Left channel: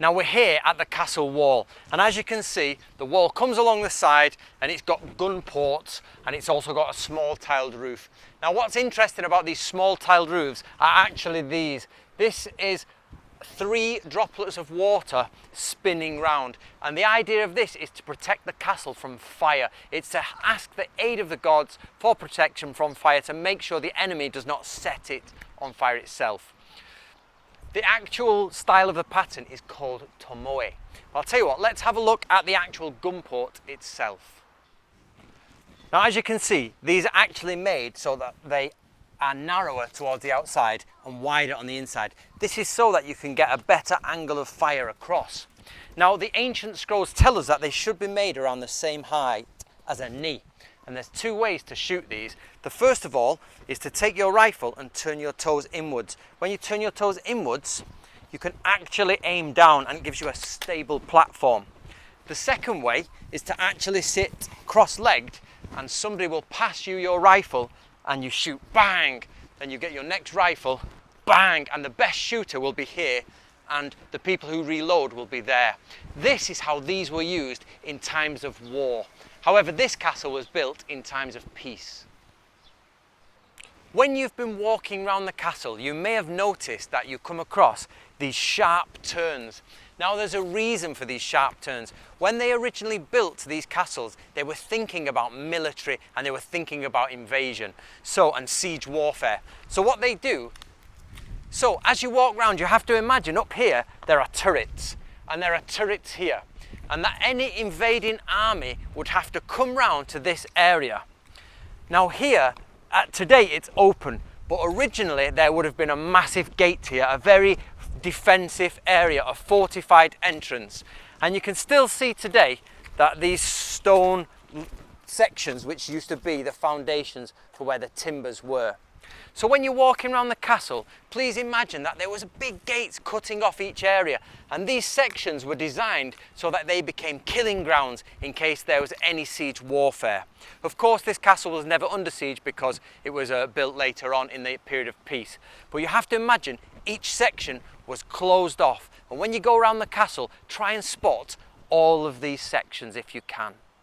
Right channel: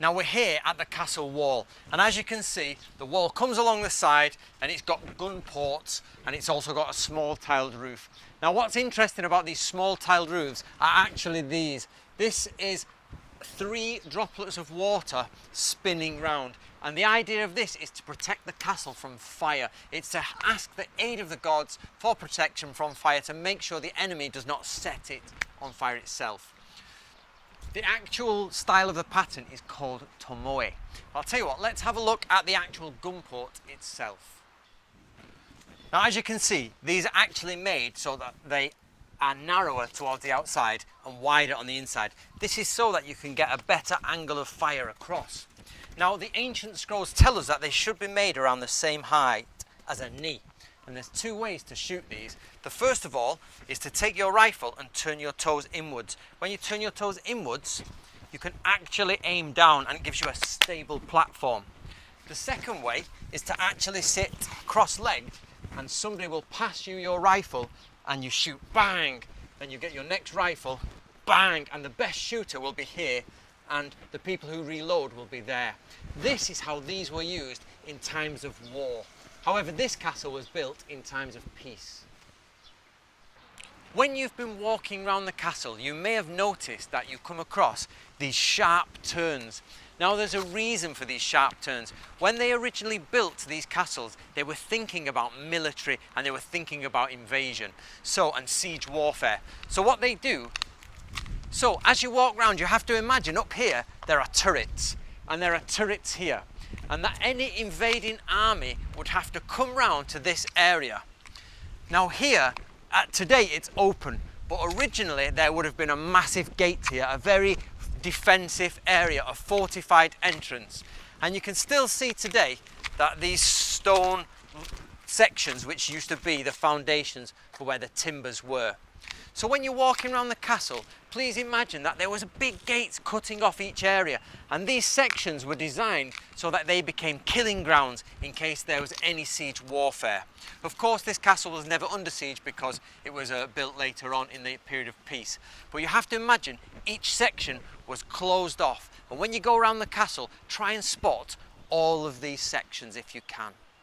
Now we're here at the castle wall, and as you can see, the wall comes along the side and it's got gun ports, and it's also got a small tiled roof. Now what's interesting about these small tiled roofs are actually these. This is 3 droplets of water spinning round, and the idea of this is to protect the castle from fire. It's to ask the aid of the gods for protection from fire, to make sure the enemy does not set it on fire itself. The actual style of the pattern is called tomoe. I'll tell you what, let's have a look at the actual gun port itself. Now as you can see, these are actually made so that they are narrower towards the outside and wider on the inside. This is so that you can get a better angle of fire across. Now the ancient scrolls tell us that they should be made around the same height as a knee. And there's 2 ways to shoot these. The first of all is to take your rifle and turn your toes inwards. When you turn your toes inwards, you can actually aim down and it gives you a stable platform. The second way is to actually sit cross-legged, and somebody will pass you your rifle and you shoot, bang, then you get your next rifle, bang, and the best shooter will be here and the people who reload will be there. This is how these were used in times of war. However, this castle was built in times of peace. When you've been walking around the castle, you may have noticed that you come across these sharp turns. Now there's a reason for these sharp turns. When they originally built these castles, they were thinking about military and they were thinking about invasion, and siege warfare. So what they do, as you walk around, you have to imagine up here there are turrets, and there are turrets here, and that any invading army would have to come round to this area. Now here, today it's open, but originally there would have been a massive gate here, a very defensive area, a fortified entrance. And you can still see today that these stone sections, which used to be the foundations for where the timbers were. So when you're walking around the castle, please imagine that there was big gates cutting off each area, and these sections were designed so that they became killing grounds in case there was any siege warfare. Of course, this castle was never under siege because it was built later on in the period of peace. But you have to imagine each section was closed off, and when you go around the castle, try and spot all of these sections if you can.